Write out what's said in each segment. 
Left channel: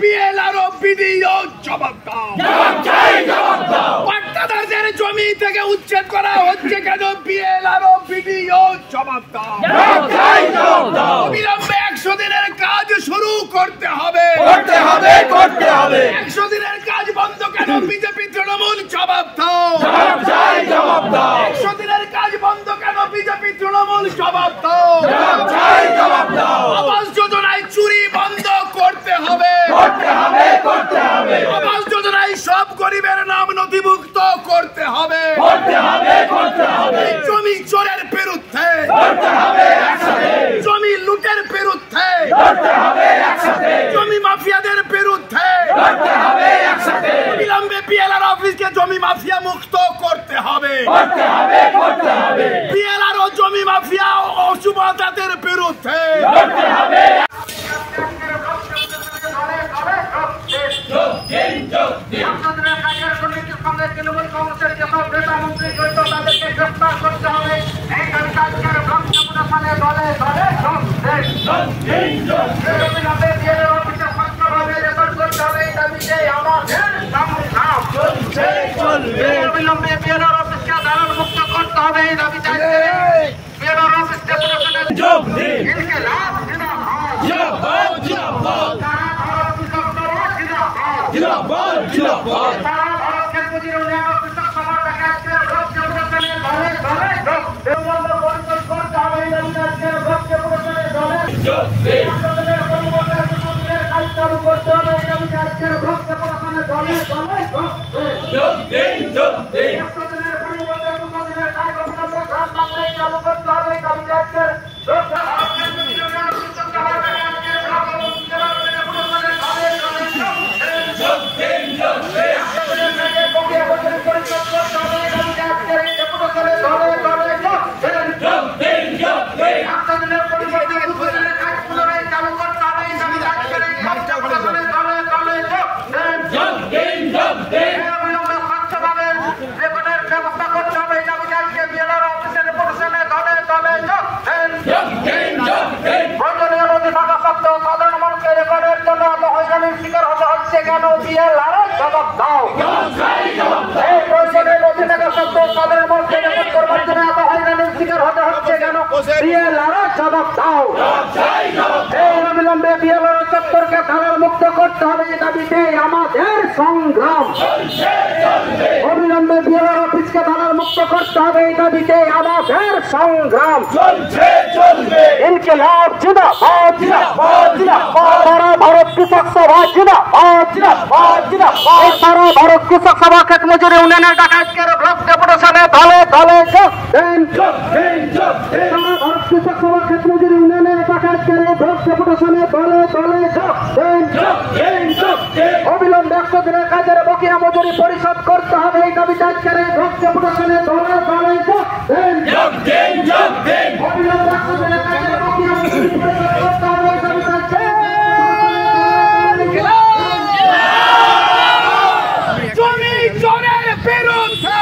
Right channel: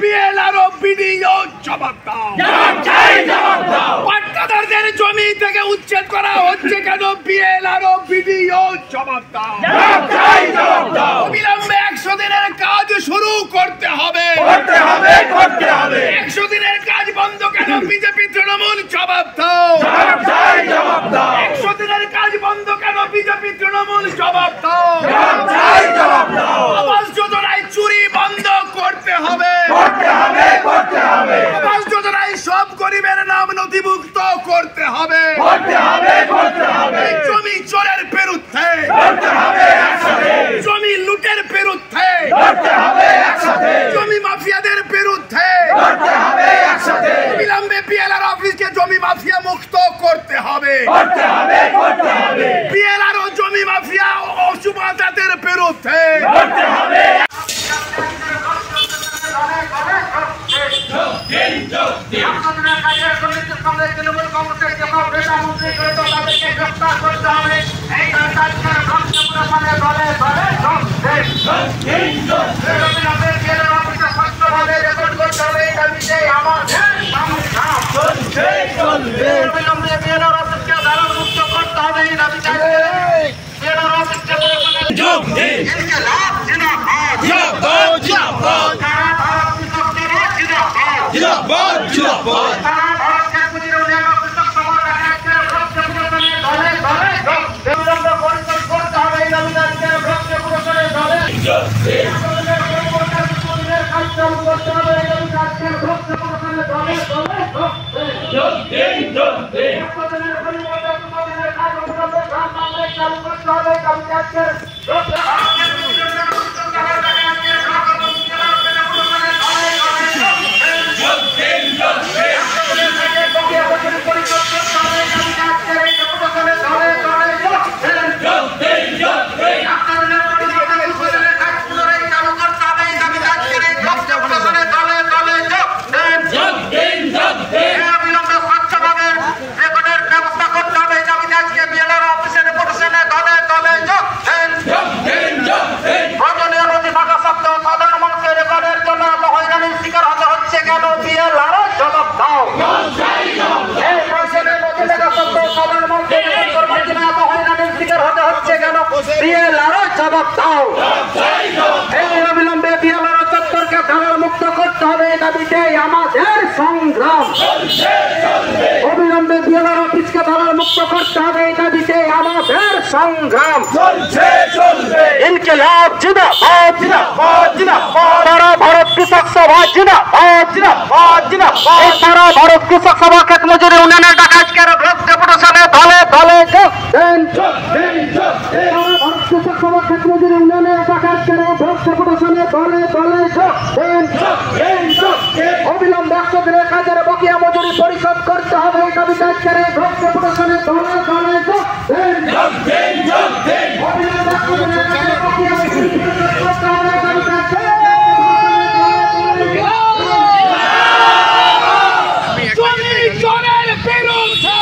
BLRO BDO জবাব দাও। পাট্টাদারদের জমি থেকে উচ্ছেদ করা হচ্ছে কেন? বিএলআরও বিডিও জবাব দাও। অবিলম্বে 100 দিনের কাজ শুরু করতে হবে। 100 দিনের কাজ বন্ধ কেন? বিজেপি তৃণমূল জবাব দাও। 100 দিনের কাজ বন্ধ কেন? বিজেপি তৃণমূল জবাব দাও। আবাস যোজনায় চুরি বন্ধ করতে হবে। আবাস যোজনায় সব গরিবের নাম নথিভুক্ত করতে হবে। জমি চোরের বিরুদ্ধে, জমি লুটের বিরুদ্ধে, জমি মাফিয়াদের বিরুদ্ধে অবিলম্বে বিএলআর অফিসকে জমি মাফিয়া মুক্ত করতে হবে। বিএলআর ও জমি মাফিয়া ও সুবাদাদের বিরুদ্ধে মুক্ত করতে হবে। দাবিতে আমাদের সংগ্রাম। অবিলম্বে বিএলআর অফিসকে দালাল মুক্ত করতে হবে। দাবিতে আমাদের সংগ্রাম। ইনকিলাব জিন্দাবাদ, সারা ভারত কৃষক সভা জিন্দাবাদ, সারা ভারত কৃষক সভা ক্ষেত মজুরি উন্নয়নের ডাকা আজকের ব্লক ডেপুটেশনে দলে দলে যোগ দেন। সারা ভারত কৃষক সভা ক্ষেত মজুরি উন্নয়নের ডাকা আজকের ব্লক ডেপুটেশনে দলে দলে যোগ দেন। অবিলম্বে 100 দিনের কাজের বকেয়া মজুরি পরিশোধ করতে হবে। এই দাবিতে আজকের ব্লক ডেপুটেশনে দলে দলে যোগ দেন। অবিলম্বে 100 দিনের কাজের বকেয়া মজুরি পরিশোধ করতে হবে। জমি চোরের বিরুদ্ধে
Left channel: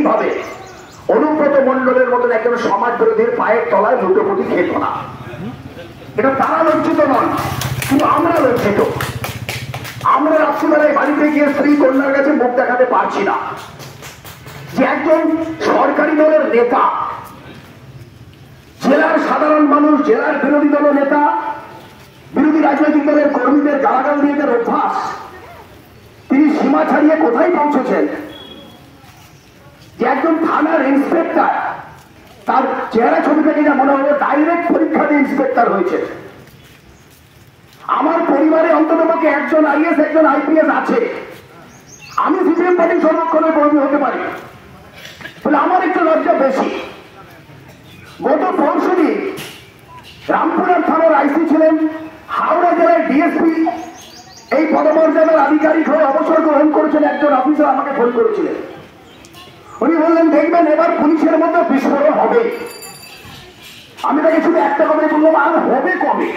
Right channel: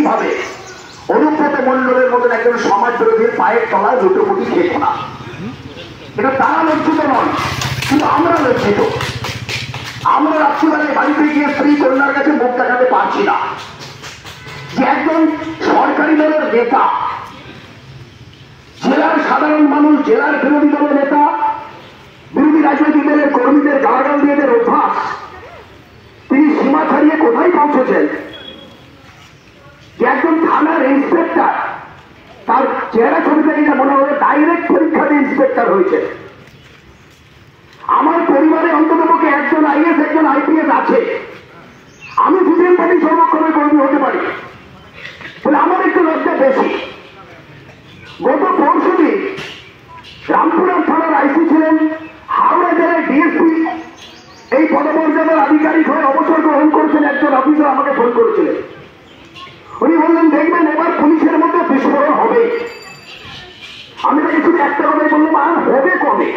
এইভাবে অনুব্রত মণ্ডলের মতন একজন সমাজ বিরোধীর পায়ের তলায় লুটোপুটি খেত না। এটা তারা লজ্জিত নন, কিন্তু আমরা লজ্জিত। আমরা রাত্রিবেলায় বাড়িতে গিয়ে স্ত্রী কন্যার কাছে মুখ দেখাতে পারছি না যে একজন সরকারি দলের নেতা, জেলার সাধারণ মানুষ, জেলার বিরোধী দলের নেতা, বিরোধী রাজনৈতিক দলের কর্মীদের গালাগাল দিয়ে অভ্যাস, তিনি সীমা ছাড়িয়ে কোথায় পৌঁছেছেন যে একজন থানার ইন্সপেক্টর, তার চেহারা ছবি থেকে যা মনে হলো ডাইরেক্ট পরীক্ষা দিয়ে ইন্সপেক্টর হয়েছে। আমার পরিবারে অন্ততপক্ষে একজন আইএস একজন আইপিএস আছে। আমি সিপিএম পার্টির সর্বক্ষণের কর্মী হতে পারি, তাহলে আমার একটু লজ্জা বেশি। গত পরশুদিন রামপুরহাট থানার আইসি ছিলেন, হাওড়া জেলায় ডিএসপি এই পদমর্যাদার আধিকারিক হয়ে অবসর গ্রহণ করেছেন একজন অফিসার আমাকে ফোন করেছিলেন। উনি বললেন, দেখবেন এবার পুলিশের মধ্যে বিস্ফোরণ হবে। আমি তাকে শুধু একটা কথাই বললাম, আর হবে কবে?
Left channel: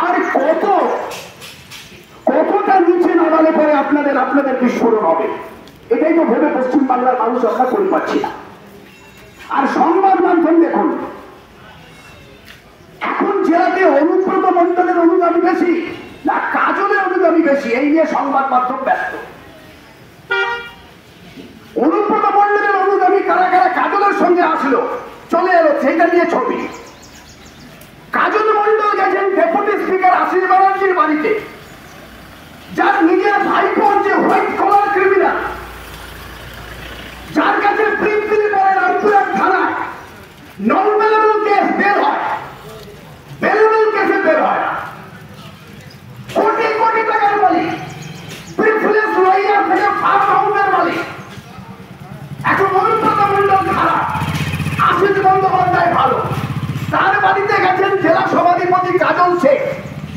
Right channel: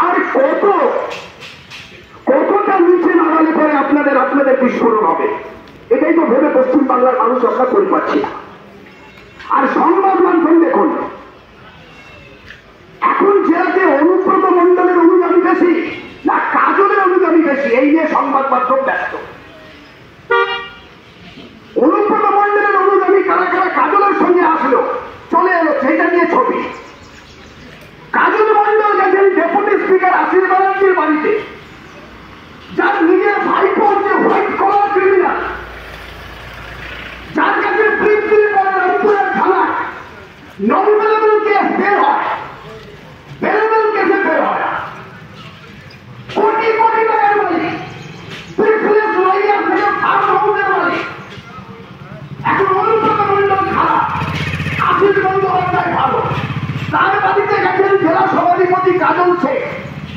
আর কতটা নিচে নামালে পরে আপনাদের বিস্ফোরণ হবে? এটাই তো ভেবে পশ্চিমবাংলার মানুষ আমরা করে পাচ্ছি না। আর সংবাদ মাধ্যম দেখুন, এখন জেলাতে অনুব্রত মণ্ডলের অনুগামী বেশি না কাজলের অনুগামী বেশি, এই নিয়ে সংবাদ মাধ্যম ব্যস্ত। অনুব্রত মণ্ডলের অনুগামী কারা কারা কাজলের সঙ্গে আসলো, চলে এলো, সেটা নিয়ে ছবি। কাজল মণ্ডল গেছেন ডেপুটি স্পিকার আশিস ব্যানার্জির বাড়িতে, যার নিজের ভাইপো হচ্ছে হোয়াইট কলার ক্রিমিনাল, যার কাছে প্রিন্সিপাল করে রামপুরহাট থানায় নন বেলেবল কেস বের হয়, বেলেবল কেসে বের হয়, কোটি কোটি টাকার মালিক, প্রিভিলেজ লয়ার থেকে ফার্ম হাউসের মালিক। এখন অনুব্রত মণ্ডল খারাপ, আশিস বন্দ্যোপাধ্যায় ভালো। তার বাড়িতে গেছেন জেলা সভাধিপতি কাজল শেখ,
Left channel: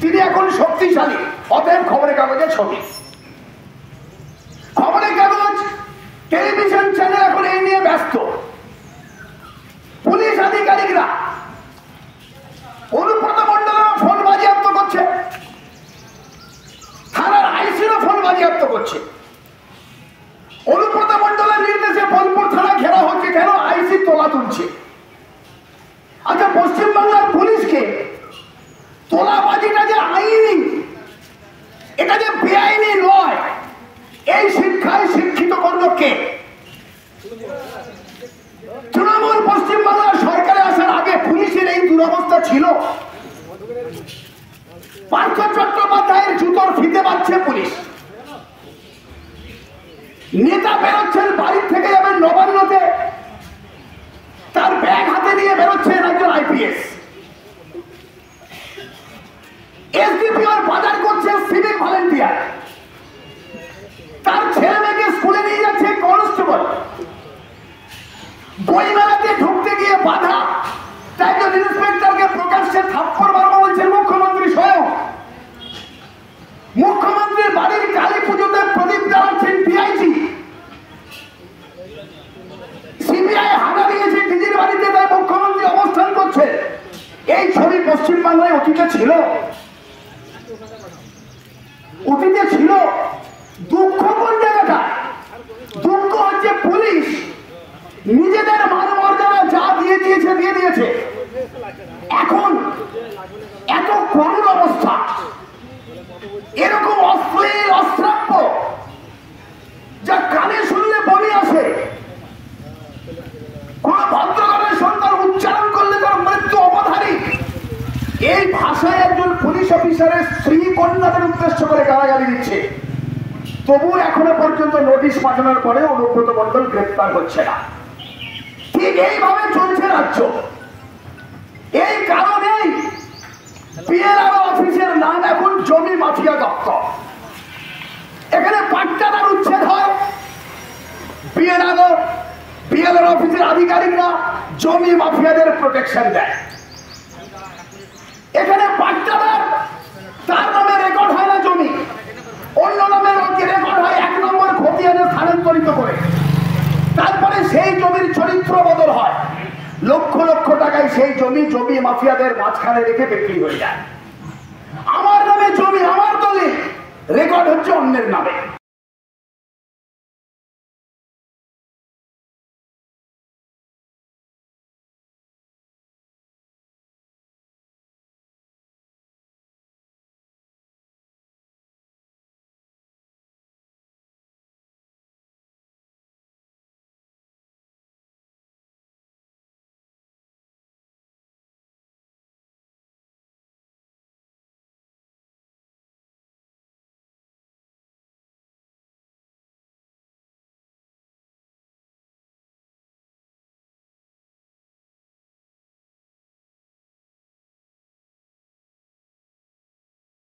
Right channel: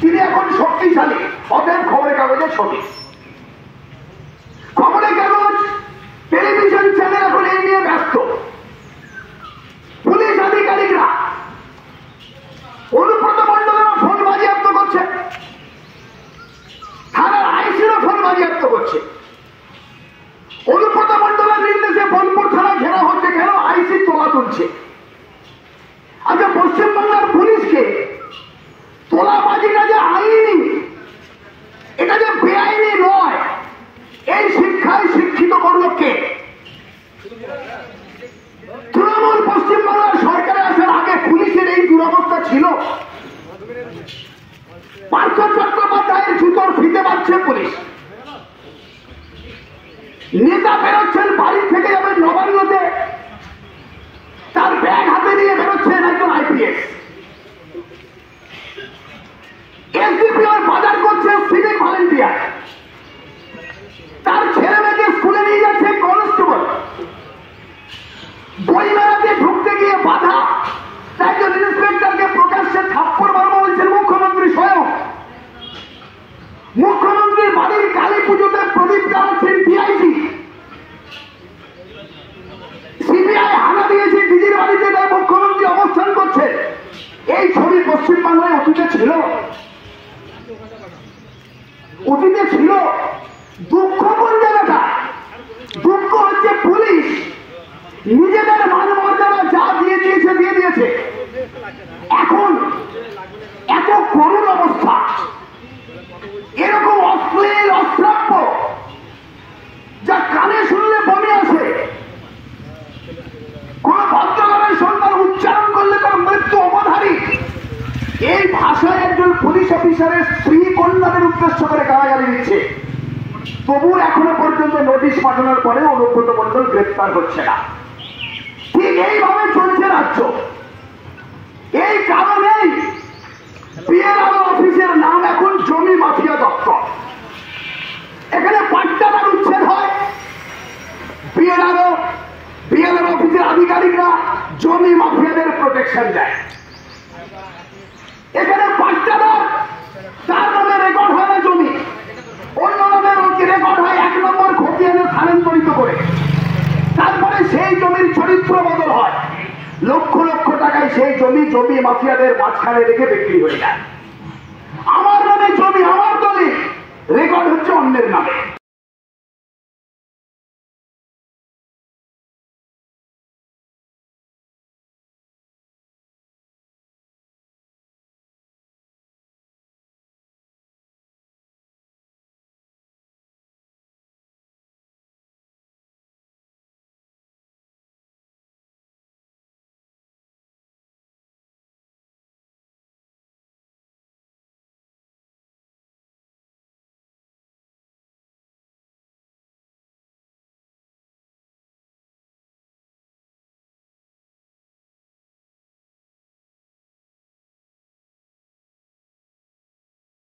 তিনি এখন শক্তিশালী। অতএব খবরের কাগজের ছবি, খবরের কাগজ, টেলিভিশন চ্যানেল এখন এই নিয়ে ব্যস্ত। পুলিশ আধিকারিকরা অনুব্রত মণ্ডলেরও ফোন বাজেয়াপ্ত করছে, থানার আইসিরও ফোন বাজেয়াপ্ত করছে। অনুব্রত মণ্ডলের নির্দেশে বোলপুর থানা ঘেরা হচ্ছে, কেন? আইসি তোলা তুলছে। আচ্ছা, পশ্চিমবাংলার পুলিশকে তোলাবাজিটা যে আইনি, এটা যে বেআইনি নয়, এই শিক্ষায় শিক্ষিত করল কে? তৃণমূল পশ্চিমবাংলার সরকারে আসার আগে পুলিশের এই দুরবস্থা ছিল? পার্থ চট্টোপাধ্যায়ের জুতোর ফিতে বাঁধছে পুলিশ। নেতা বেরোচ্ছেন, বাড়ির থেকে যাবেন নবান্নতে, তার ব্যাগ হাতে নিয়ে বেরোচ্ছেন একজন আইপিএস। এসডিপিওর বাজার করছে সিভিক ভলেন্টিয়ার, তার ছেলে মেয়েকে স্কুলে নিয়ে যাচ্ছে কনস্টেবল। বইমেলাতে ঢুকতে গিয়ে বাধা, তাই একজন ইন্সপেক্টরকে প্রকাশ্যে থাপ্পড় মারবো বলছেন মুখ্যমন্ত্রী স্বয়ং। মুখ্যমন্ত্রীর বাড়ির কালী পুজোতে প্রদীপ জ্বালাচ্ছেন ডিআইজি। সিবিআই হানা দিয়েছে ডিজির বাড়িতে, তাই মুখ্যমন্ত্রী অবস্থান করছে। এই ছবি পশ্চিমবাংলায় অতীতে ছিল, অতীতে ছিল। দুঃখ কোন জায়গাটা? দুঃখ হচ্ছে পুলিশ নিজেদের মান মর্যাদা যা দিয়ে দিয়েছে। এখন এত করুণ অবস্থা, এরকম অশ্লীল অশ্রাব্য যা কানে শুনলে বমি আসে। কোন ভদ্রঘরের সন্তান উচ্চারণ করলে তার মৃত্যু অবধারিত। এই ভাষায় একজন পুলিশ অফিসারের স্ত্রী কন্যাদের উদ্দেশ্য করে গালাগালি দিচ্ছে, তবু এখনো পর্যন্ত নোটিশ পাঠানোর পরে অনুব্রত মণ্ডল গ্রেপ্তার হচ্ছে না। ঠিক এইভাবে চলছে রাজ্য। এই কারণেই বিএলআর অফিসের নাম এখন জমি মাফিয়া দপ্তর। এখানে পাট্টাদার উচ্ছেদ হয়, বিএলআর অফিসের আধিকারিকরা জমি মাফিয়াদের প্রোটেকশন দেয়। এখানে পাট্টাদার, তার নামে রেকর্ড হয় না জমি, অন্য নামে রেকর্ড হয় 1 নম্বর খতিয়ানে স্থানান্তরিত করে। তারপরে সেই জমির চরিত্র বদল হয়, লক্ষ লক্ষ টাকায় সেই জমি মাফিয়াদের মাঝখানে রেখে বিক্রি হয়ে যায়। আমার নামে জমি, আমার দলিল, রেকর্ড হচ্ছে অন্যের নামে।